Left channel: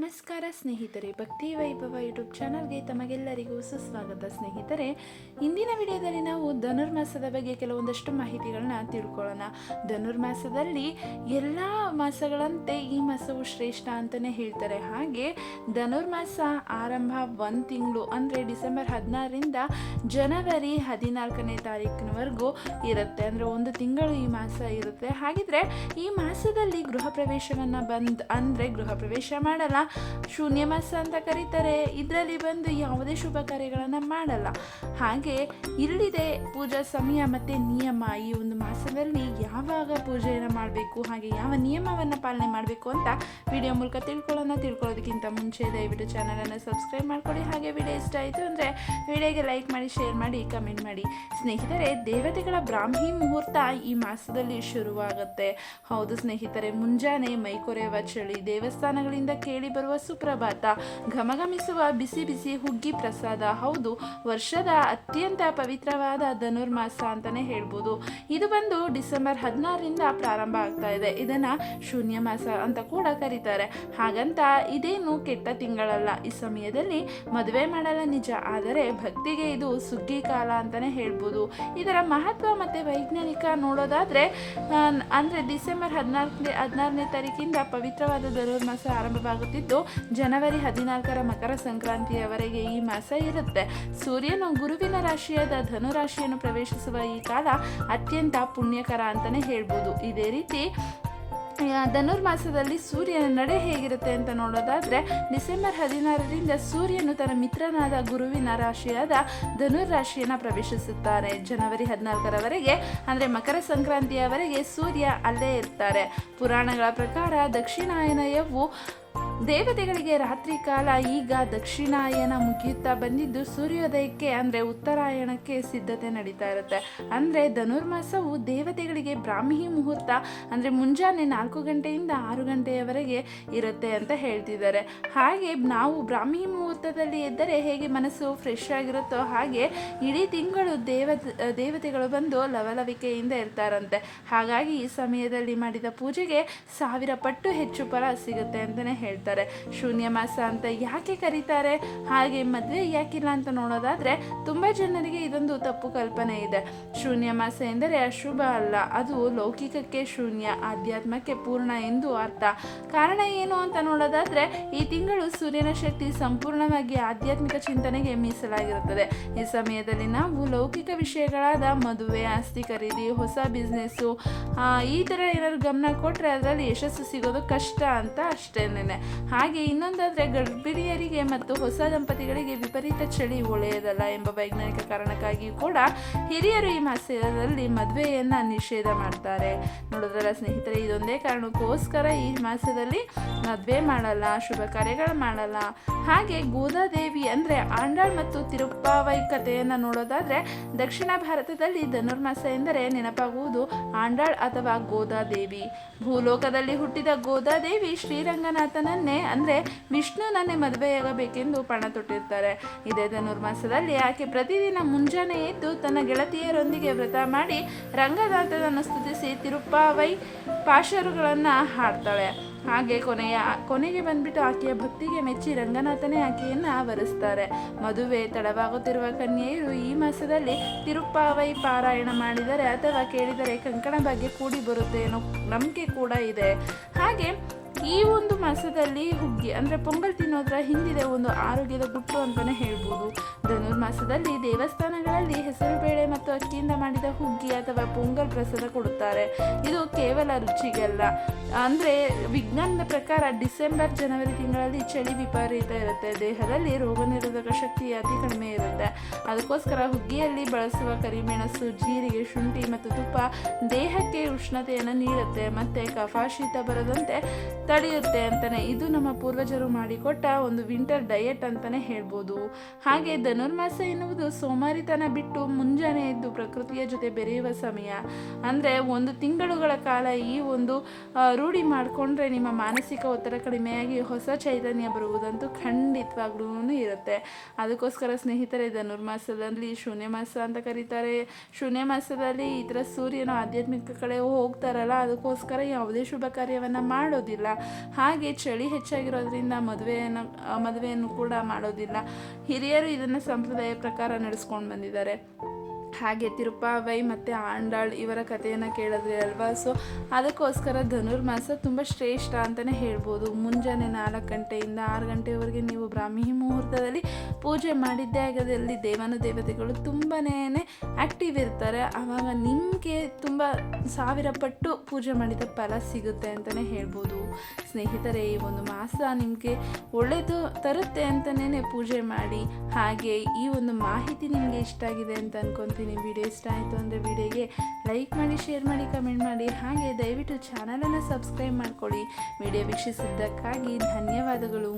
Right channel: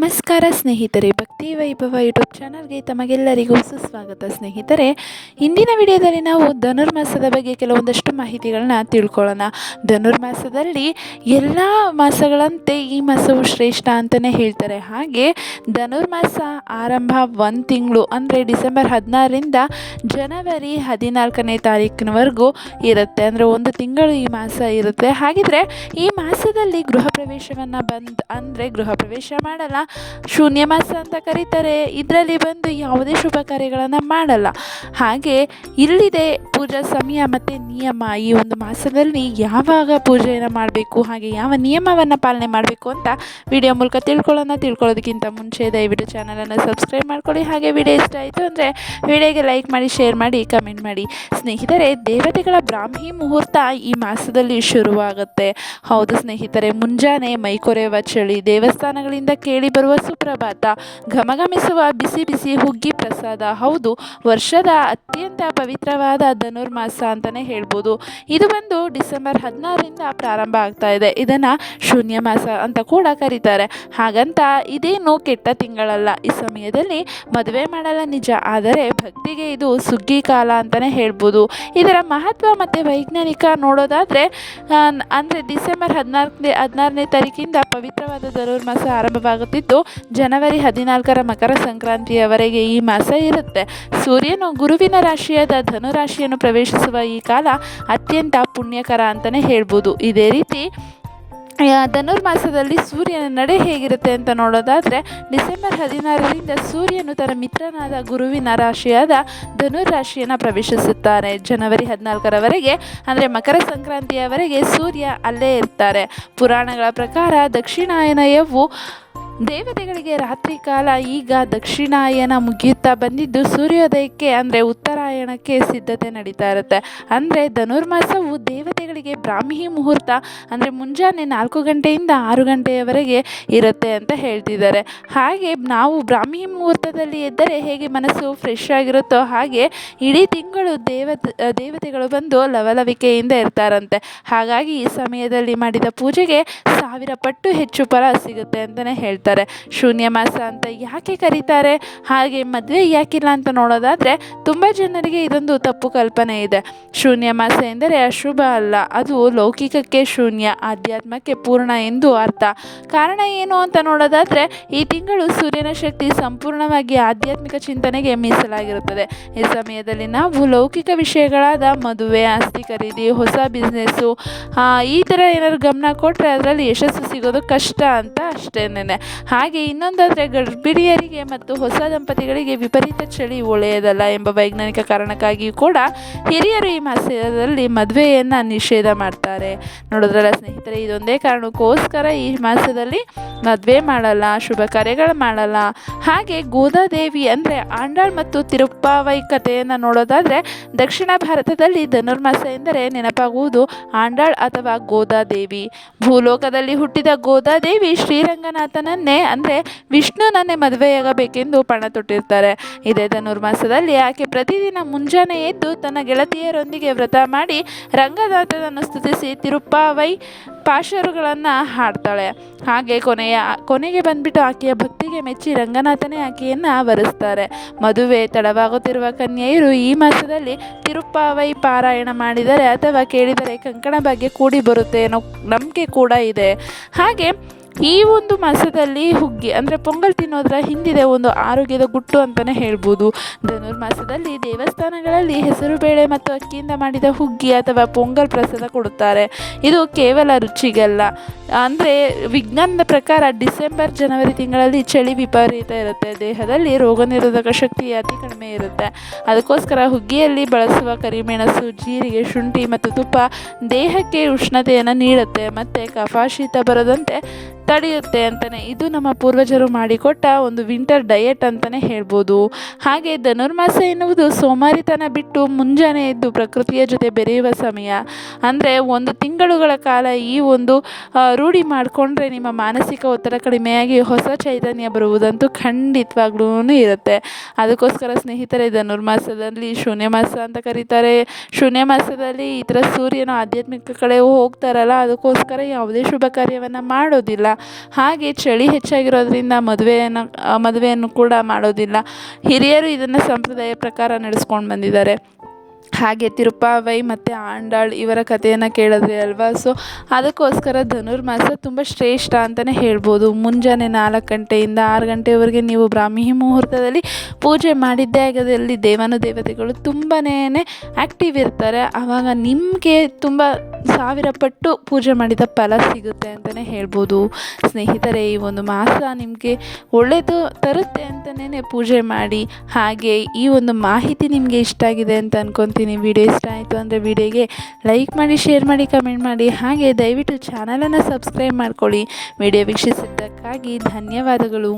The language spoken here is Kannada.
ನಮಸ್ಕಾರ ಸ್ನೇಹಿತರೆ, ಭಕ್ತಿ ವೈಭವ ಯೂಟ್ಯೂಬ್ ಚಾನಲ್ಗೆ ತಮಗೆಲ್ಲರಿಗೂ ಸುಸ್ವಾಗತ. ಸ್ನೇಹಿತರೆ, ಇಂದಿನ ವಿಡಿಯೋದಲ್ಲಿ ನಾವು ಧನುರ್ಮಾಸದ ಬಗ್ಗೆ ಕೆಲವೊಂದಷ್ಟು ಮಾಹಿತಿಗಳನ್ನ ತಿಳ್ಕೊಳ್ಳೋಣ. ಧನುರ್ಮಾಸದಲ್ಲಿ ಎಲ್ಲ ಮಾಸಗಳಂತೆ ಈ ಮಾಸವು ಶ್ರೇಷ್ಠ ಅಂತಲೇ ಹೇಳ್ತಾರೆ. ಹಾಗೆ ಧನುರ್ಮಾಸ ಆರಂಭ 1 ತಿಂಗಳು ಅಂದರೆ ಡಿಸೆಂಬರ್ 16ರಿಂದ ಜನವರಿ 14ನೇ ತಾರೀಕಿನವರೆಗೂ ಇರುತ್ತೆ. ಅಂದರೆ 1 ತಿಂಗಳು ಈ ಮಾಸ ಇರುತ್ತೆ. ಹಾಗಿದ್ರೆ ಈ ಮಾಸದಲ್ಲಿ ಗೃಹ ಪ್ರವೇಶವನ್ನು ಗೃಹ ಪ್ರವೇಶ ಮಾಡಲ್ಲ, ಶೂನ್ಯ ಮಾಸ ಅಂತ ಕರೀತಾರೆ. ಇದರಲ್ಲಿ ಬಂದು ಯಾವುದೇ ಶುಭ ಕಾರ್ಯಗಳನ್ನು ಮಾಡಲ್ಲ. ಹಾಗೆ ಇಲ್ಲಿದೆ ಪೂಜಾ ಸಮಯ ಮತ್ತು ನಿಯಮ. ಈ ಒಂದು ಮಾಸದಲ್ಲಿ ಯಾವಾಗ ಪೂಜೆಯನ್ನು ಮಾಡಬೇಕು, ಹಾಗೆ ಯಾವ ನಿಯಮವನ್ನು ಪಾಲನೆ ಮಾಡಬೇಕು ಅಂತ ವಿಡಿಯೋ ಮೂಲಕ ತಿಳ್ಕೊಳ್ಳೋದಕ್ಕಿಂತ ಮುಂಚೆ ದಯವಿಟ್ಟು ಚಾನಲನ್ನು ಸಬ್ಸ್ಕ್ರೈಬ್ ಮಾಡ್ಕೊಳ್ಳಿ. ಹಾಗೆ ವಿಡಿಯೋ ಇಷ್ಟ ಆಯಿತು ಅಂದರೆ ವಿಡಿಯೋಗೆ ಲೈಕ್ ಮಾಡಿ, ಶೇರ್ ಮಾಡಿ, ಕಮೆಂಟ್ ಮಾಡಿ. ಸ್ನೇಹಿತರೆ, ದೇವತೆಗಳ ಬ್ರಾಹ್ಮಿ ಮುಹೂರ್ತ ಈ ಮಾಸದಲ್ಲಿ ಶುರುವಾಗುತ್ತೆ. ಹೌದು ಸ್ನೇಹಿತರೆ, ಮುಂಜಾನೆ ಮೈಕೊರೆಯುವ ಚಳಿ, ದೇವಸ್ಥಾನಗಳಿಂದ ಕೇಳಿ ಬರುವ ಸುಪ್ರಭಾತ, ಘಮಘಮಿಸುವ ಬಿಸಿ ಬಿಸಿ ಹುಗ್ಗಿ ಪ್ರಸಾದ. ಹೌದು, ವರ್ಷದ ಅತ್ಯಂತ ಪವಿತ್ರವಾದ ಧನುರ್ಮಾಸ ಅಂತಲೇ ಹೇಳ್ಬೋದು. ಇದು ಬಂದು ಡಿಸೆಂಬರ್ 16ರಿಂದ ಪ್ರಾರಂಭ ಆಗ್ತಾ ಇದೆ. ಇದನ್ನು ಶೂನ್ಯ ಮಾಸ ಅಂತ ಕೂಡ ಕರೀತಾರೆ. ಹಾಗಂತ ಇದೇನು ಕೆಟ್ಟ ತಿಂಗಳಲ್ಲ. ಈ ಸಮಯದಲ್ಲಿ ಮದುವೆ ಮಾಡಲ್ಲ ನಿಜ, ಆದರೆ ಭಕ್ತಿಗೆ ಇದು ಸುಗ್ಗಿ ಕಾಲ ಅಂತಲೇ ಹೇಳ್ಬೋದು. ಇದರ ಮಹತ್ವ ಮತ್ತು ವೈಜ್ಞಾನಿಕ ನೋಡೋದಾದರೆ ಅಂದರೆ ಡಿಸೆಂಬರ್ 16ನೇ ತಾರೀಕಿಂದ ಪವಿತ್ರವಾದ ಧನುರ್ಮಾಸ ಆರಂಭವಾಗುತ್ತಿದ್ದು ಜನವರಿ 14ರ ಮಕರ ಸಂಕ್ರಾಂತಿಯವರೆಗೆ ಈ ಮಾಸ ಇರುತ್ತೆ. ಸೂರ್ಯನು ಗುರುವಿನ ರಾಶಿಯಾದ ಧನುರಾಶಿಯನ್ನು ಪ್ರವೇಶಿಸುವ ಈ ಕಾಲ ಅತ್ಯಂತ ಪುಣ್ಯಕರ ಅಂತಲೇ ಹೇಳ್ಬೋದು. ಇದೇ ರೀತಿ ಧನುರ್ಮಾಸದಲ್ಲಿ ಸೂರ್ಯನ ನಡೆ ಹೇಗಿರುತ್ತೆ ಅಂತ ನೋಡೋದಾದರೆ ಡಿಸೆಂಬರ್ 16ರಿಂದ ಸೂರ್ಯನು ತನ್ನ ಮಿತ್ರನಾದ ಗುರುವಿನ ರಾಶಿಯಾದ ಧನುರ್ ರಾಶಿಯನ್ನು ಪ್ರವೇಶಿಸುತ್ತಾರೆ. ಜನವರಿ 14ರವರೆಗೆ ಅಂದರೆ ಮಕರ ಸಂಕ್ರಾಂತಿಯವರೆಗೆ ಸೂರ್ಯ ಅಲ್ಲೇ ಇರ್ತಾರೆ. ಪುರಾಣಗಳ ಪ್ರಕಾರ ದಕ್ಷಿಣಾಯನಯವು ದೇವತೆಗಳಿಗೆ ರಾತ್ರಿ ಕಾಲ. ಈಗ ದಕ್ಷಿಣಾಯನ ಮುಗಿಯುತ್ತಾ ಬಂದಿದ್ದು ಸೂರ್ಯೋದಯಕ್ಕೆ ಅಂದರೆ ಉತ್ತರಾಯಣಕ್ಕೆ ಸಿದ್ಧತೆ ನಡೀತಾ ಇರುತ್ತೆ. ಅಂದರೆ ಧನುರ್ಮಾಸವು ದೇವತೆಗಳಿಗೆ ಬ್ರಾಹ್ಮಿ ಮುಹೂರ್ತ ಅಂದರೆ ಮುಂಜಾನೆ 4 ಗಂಟೆಯಿಂದ 6 ಗಂಟೆಯವರೆಗೆ ಇರುತ್ತೆ ಅಂತ ಹೇಳ್ತಿದ್ದಾರೆ. ಹಾಗೆ ನಾವು ಬ್ರಾಹ್ಮಿ ಮುಹೂರ್ತದಲ್ಲಿ ಎದ್ದರೆ ಹೇಗೆ ಮನಸ್ಸು ಫ್ರೆಶ್ ಆಗಿರುತ್ತೋ ಹಾಗೆ ಇಡೀ ತಿಂಗಳು ದೇವತೆಗಳು ಬಂದು ಲವಲವಿಕೆಯಿಂದ ಇರ್ತಾರಂತೆ. ಹಾಗಾಗಿ ಈ ಸಮಯದಲ್ಲಿ ಮಾಡಿದ ಪೂಜೆಗೆ 1000 ಪಟ್ಟು ಹೆಚ್ಚು ಫಲ ಸಿಗುತ್ತೆ ಅಂತಲೇ ಹೇಳ್ತಾರೆ. ಶೂನ್ಯ ಮಾಸ ಅಂತ ಯಾಕೆ ಕರೀತಾರೆ, ಹಾಗೆ ಮದುವೆ ಯಾಕಿಲ್ಲ ಅಂತ ನೋಡೋದಾದರೆ ತುಂಬ ಜನರಿಗೆ ಇದೊಂದು ತಪ್ಪು ಕಲ್ಪನೆ ಇದೆ. ಶೂನ್ಯ ಮಾಸ ಎಂದರೆ ಅಶುಭ ಅಲ್ಲ, ಅದು ಲೌಕಿಕಕ್ಕೆ ಶೂನ್ಯ, ಆಧ್ಯಾತ್ಮಕ್ಕೆ ಪೂರ್ಣ ಎಂದು ಅರ್ಥ. ಕಾರಣ ಏನು ಅಂತ ನೋಡೋದಾದರೆ ಈ ತಿಂಗಳು ಸೂರ್ಯನ ಶಕ್ತಿ ಸಂಪೂರ್ಣವಾಗಿ ಆಧ್ಯಾತ್ಮಿಕ ಚಿಂತನೆಗೆ ಮೀಸಲಾಗಿರುತ್ತದೆ. ಈ ಸಮಯದಲ್ಲಿ ನಾವು ಲೌಕಿಕ ವಿಷಯಗಳಾದ ಮದುವೆ, ಆಸ್ತಿ ಖರೀದಿ, ಹೊಸ ಬಿಸ್ನೆಸ್ಸು ಈ ಥರ ಏನಾದ್ರು ಗಮನ ಕೊಟ್ಟರೆ ಅದರಲ್ಲಿ ಯಶಸ್ಸು ಸಿಗೋದು ಕಷ್ಟ ಅಂತ ಅಷ್ಟೇನೆ. ಹಾಗೆ ಇನ್ನೊಂದಾದರೆ ಗರ್ಭಿಣಿಯರಿಗೆ ಮತ್ತು ಹೊಸ ದಂಪತಿಗಳಿಗೆ ವಿಪರೀತ ಚಳಿ ಒಳ್ಳೆಯದಲ್ಲ ಎಂಬ ವೈಜ್ಞಾನಿಕ ಕಾರಣಕ್ಕಾಗಿಯೂ ಕೂಡ ಹಿರಿಯರು ಈ ಮಾಸದಲ್ಲಿ ಮದುವೆಯನ್ನು ನಿಷೇಧ ಮಾಡ್ತಾರೆ. ನೋಡಿದ್ರಲ್ಲ ಸ್ನೇಹಿತರೆ, ಇದೊಂದೇ ಕಾರಣಕ್ಕೋಸ್ಕರ ಈ ಮಾಸದಲ್ಲಿ ಮದುವೆ ಮಾಡಲ್ಲ, ಶುಭ ಕಾರ್ಯಗಳು ಮಾಡಲ್ಲ. ಹಾಗೆ ಗೋದಾದೇವಿ ಅಂದರೆ ಆಂಡಾಳ್ ಮತ್ತು ತಿರುಪ್ಪಾವೈ ಕಥೆಯನ್ನು ನೋಡೋದಾದರೆ ದಕ್ಷಿಣ ಭಾರತದಲ್ಲಿ ಧನುರ್ಮಾಸ ಎಂದರೆ ನೆನಪಾಗುವುದು ಆಂಡಾಳ್ ಅಥವಾ ಗೋದಾದೇವಿ. ಭೂಲೋಕದಲ್ಲಿ ಹುಟ್ಟಿದ ಗೋದಾದೇವಿ ಶ್ರೀರಂಗನಾಥನನ್ನೇ ಅಂದರೆ ವಿಷ್ಣುನನ್ನೇ ಮದುವೆಯಾಗಬೇಕೆಂದು ಪಣ ತೊಟ್ಟಿರ್ತಾರೆ. ಇದೇ ಧನುರ್ಮಾಸದಲ್ಲಿ ಆಕೆ ಪ್ರತಿದಿನ ಮುಂಜಾನೆ ಎದ್ದು ತನ್ನ ಗೆಳತಿಯರೊಂದಿಗೆ ವ್ರತ ಮಾಡಿ ರಂಗನಾಥನನ್ನು ಸ್ತುತಿಸಿ ತಿರುಪ್ಪಾವೈ ಪಾಶರುಗಳನ್ನು ಹಾಡ್ತಾಳೆ. ಹಾಗೆ ಕೊನೆಗೆ ಬಂದ್ಬಿಟ್ಟು ಆಕೆಯ ಭಕ್ತಿಗೆ ಮೆಚ್ಚಿ ರಂಗನಾಥನೇ ಆಕೆಯನ್ನು ವರಿಸ್ತಾರೆ. ಮದುವೆ ತಡವಾಗುತ್ತಿರುವ ಕನ್ಯೆಯರು ಈ ಮಾಸದಲ್ಲಿ ತಿರುಪ್ಪಾವೈ ಪಾರಾಯಣ ಮಾಡಿದರೆ ಅಥವಾ ಕೇಳಿದರೆ ಕಂಕಣ ಭಾಗ್ಯ ಕೂಡಿ ಬರುತ್ತೆ ಅನ್ನೋ ನಂಬಿಕೆ ಕೂಡ ಇದೆ. ಹಾಗೆ ಈ ಒಂದು ಮಾಸದಲ್ಲಿ ಹುಗ್ಗಿ ಅಂದರೆ ಪೊಂಗಲ್ ತಿನ್ನೋದರ ಹಿಂದಿದೆ ಒಂದು ಆರೋಗ್ಯದ ಗುಟ್ಟು ಅಂತಲೇ ಹೇಳ್ಬೋದು. ಧನುರ್ಮಾಸದಲ್ಲಿ ದೇವಸ್ಥಾನಗಳಲ್ಲಿ ಹೆಸರುಬೇಳೆ ಮತ್ತು ಅಕ್ಕಿಯಿಂದ ಮಾಡಿದ ಹುಗ್ಗಿ ಅಥವಾ ಪೊಂಗಲ್ ಪ್ರಸಾದ ಕೊಡುತ್ತಾರೆ. ಇದು ಕೇವಲ ರುಚಿಗಲ್ಲ, ಅಂದರೆ ವಿಜ್ಞಾನದ ಪ್ರಕಾರ ಡಿಸೆಂಬರ್ ಜನವರಿ ತಿಂಗಳಲ್ಲಿ ಚಳಿ ವಿಪರೀತ ಇರುತ್ತೆ, ದೇಹದಲ್ಲಿ ರೋಗ ನಿರೋಧಕ ಶಕ್ತಿ ಅತಿ ಕಡಿಮೆ ಇರುತ್ತೆ. ಅದಕ್ಕೋಸ್ಕರ ಹುಗ್ಗಿಯಲ್ಲಿ ಬಳಸುವ ಕರಿಮೆಣಸು, ಜೀರಿಗೆ, ಶುಂಠಿ ಮತ್ತು ತುಪ್ಪ ದೇಹಕ್ಕೆ ಉಷ್ಣತೆಯನ್ನು ನೀಡುತ್ತೆ ಮತ್ತು ಕಫ ಶೀತ ಬರದಂತೆ ತಡೆಯುತ್ತೆ ಅಂತಲೇ. ಇದು ನಮ್ಮ ಪೂರ್ವಜರು ಮಾಡಿಕೊಟ್ಟ ಒಂದು ವಿಂಟರ್ ಡಯಟ್ ಅಂತಲೇ ಹೇಳ್ಬೋದು. ಹಾಗೆ ಧನುರ್ಮಾಸ ಎನ್ನುವುದು ಸೋಮಾರಿತನ ಬಿಟ್ಟು ಮುಂಜಾನೆ ಎದ್ದು ಪ್ರಕೃತಿಯ ಜೊತೆ ಬೆರೆಯುವ ಸಮಯ. ಅಂದರೆ 1 ತಿಂಗಳುಗಳ ಕಾಲ ಈ ಒಂದು ರೂಢಿ ಮಾಡಿಕೊಂಡ್ರೆ ನಿಮ್ಮ ಮಾನಸಿಕ ಒತ್ತಡ ಕಡಿಮೆಯಾಗಿ ಹೊಸ ಚೈತನ್ಯ ಬರುವುದಂತೂ ಖಂಡಿತವಾಗ್ಲೂ ಇರುತ್ತೆ. ಅದಕ್ಕೋಸ್ಕರ ಸ್ನೇಹಿತರೆ, ಧನುರ್ಮಾಸದಲ್ಲಿ ಶೂನ್ಯ ಮಾಸ ಅಂತ ಕರೀತಾರೆ. ಶೂನ್ಯ ಮಾಸದಲ್ಲಿ ಈ ಥರ ಸೂರ್ಯನ ಆಧ್ಯಾತ್ಮಿಕ ಕಡೆ ಹೋಗ್ತಾರಲ್ಲ, ಅದಕ್ಕೋಸ್ಕರ ಯಾವುದೇ ಶುಭ ಕಾರ್ಯವನ್ನು ಮಾಡೋದಿಲ್ಲ. ಹಾಗೆ ಚಳಿ ಹೆಚ್ಚಾಗಿರೋದ್ರಿಂದ ಮದುವೆಯನ್ನು ಕೂಡ ಮಾಡೋದಿಲ್ಲ. ಹಿರಿಯರು ಇದನ್ನು ಸಂಪ್ರದಾಯ ಪ್ರಕಾರ ನಡೆಸ್ಕೊಂಡು ಬಂದಿದ್ದಾರೆ. ಹಾಗೆ ತಿರುಪಾವೈ ಮತ್ತು ಆಂಡಾಳ್ ಇವರ ಕಥೆಯನ್ನು ಕೇಳಿದ್ರಿ ಅಲ್ವಾ. ಸೊ ಅದಕ್ಕೋಸ್ಕರ ಧನುರ್ಮಾಸ ತುಂಬ ಶ್ರೇಷ್ಠ ಅಂತಲೇ ಹೇಳ್ಬೋದು. ಮುಂಜಾನೆ 4 ಗಂಟೆಯಿಂದ 6 ಗಂಟೆವರೆಗೆ ನೀವು ಬ್ರಾಹ್ಮಿ ಮುಹೂರ್ತದಲ್ಲಿ ಪೂಜೆ ಮಾಡಿದ್ದೇ ಆಗದಲ್ಲಿ ದೇವತೆಗಳು ತುಂಬಾ ಆ್ಯಕ್ಟಿವ್ ಇರ್ತಾರೆ. ಆವಾಗ ನಿಮಗೆ ತುಂಬ 1000 ಪಟ್ಟು ಪೂಜೆ ಮಾಡಿದ ಫಲ ಸಿಗುತ್ತೆ ಅಂತಲೇ ಹೇಳ್ಬೋದು. ಸ್ನೇಹಿತರೆ, ಈ ಒಂದು ಮಾಸ ನಿಮಗೆ ಒಳ್ಳೆಯದು ತರುತ್ತೆ ಅಂತಲೇ ಪೂಜೆ ಮಾಡಿ. ಹಾಗೆ ಈ ಒಂದು ಮಾಹಿತಿ ನಿಮಗೆ ಇಷ್ಟ ಆಗಿದೆ ಅಂತ ಅನ್ಕೊತೀನಿ. ವಿಡಿಯೋ ಇಷ್ಟ ಆಯಿತು ಅಂದರೆ ವಿಡಿಯೋಗೆ ಲೈಕ್ ಮಾಡಿ, ಶೇರ್ ಮಾಡಿ, ಕಮೆಂಟ್ ಮಾಡಿ. ಹಾಗೆ ದಯವಿಟ್ಟು ಚಾನಲನ್ನು ಸಬ್ಸ್ಕ್ರೈಬ್ ಮಾಡ್ಕೊಳ್ಳಿ. ವಿಡಿಯೋ ವೀಕ್ಷಿಸಿದ್ದಕ್ಕಾಗಿ ಧನ್ಯವಾದಗಳು.